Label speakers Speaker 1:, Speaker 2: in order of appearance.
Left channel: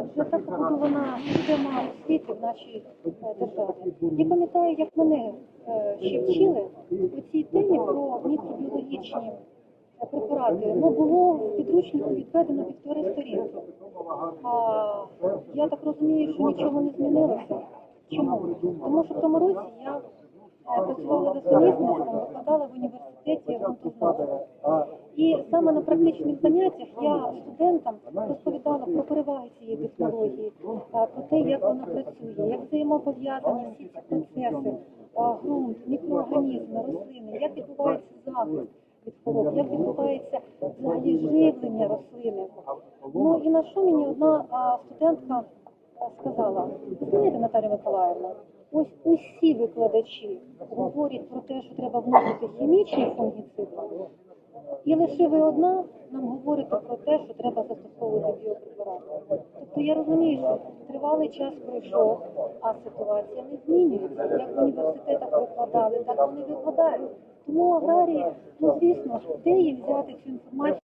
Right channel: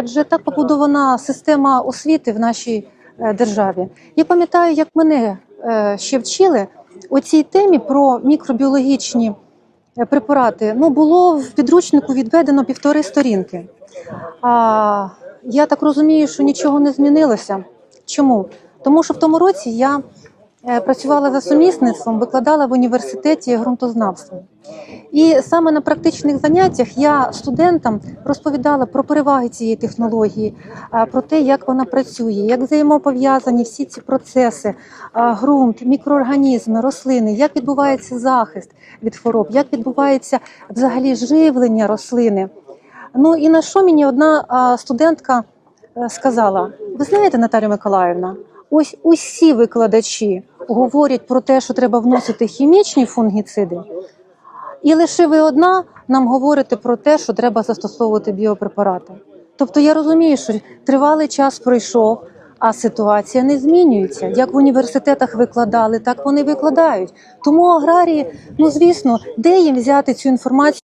Speaker 1: адже так побудована система освіти в нашій е, державі. Я пам'ятаю, як мене е, ще вчили у цій темі про мікробіологічні е, препарати. Ну було в підручнику відведено півтори сторінки. А, я так розумію, що нічого не змінилося. Чому? Тому що в тому році я працювала за сумісництвом, викладала в університеті ґрунтознавство. І саме на практичних заняттях я студентам розповідала про переваги цієї технології, про те, як вона працює, як взаємопов'язані всі ці процеси, ґрунт, мікроорганізми, рослини, як відбувається захист від хвороб, як відбувається взагалі живлення рослини. Ну і на що мені одна студентка е, сказала: ви знаєте, Наталія Миколаївна, ось усі викладачі говорять про те, що треба вносити хімічні фунгіциди, і лише ви одна нам говорите про те, що треба застосовувати біопрепарати. Тобто я розумію, що тривалий час пройшов, а ситуація не змінюється. Як в університетах викладали, так вони викладають. Тому аграрії, ну звісно, де їм взяти цю інформацію?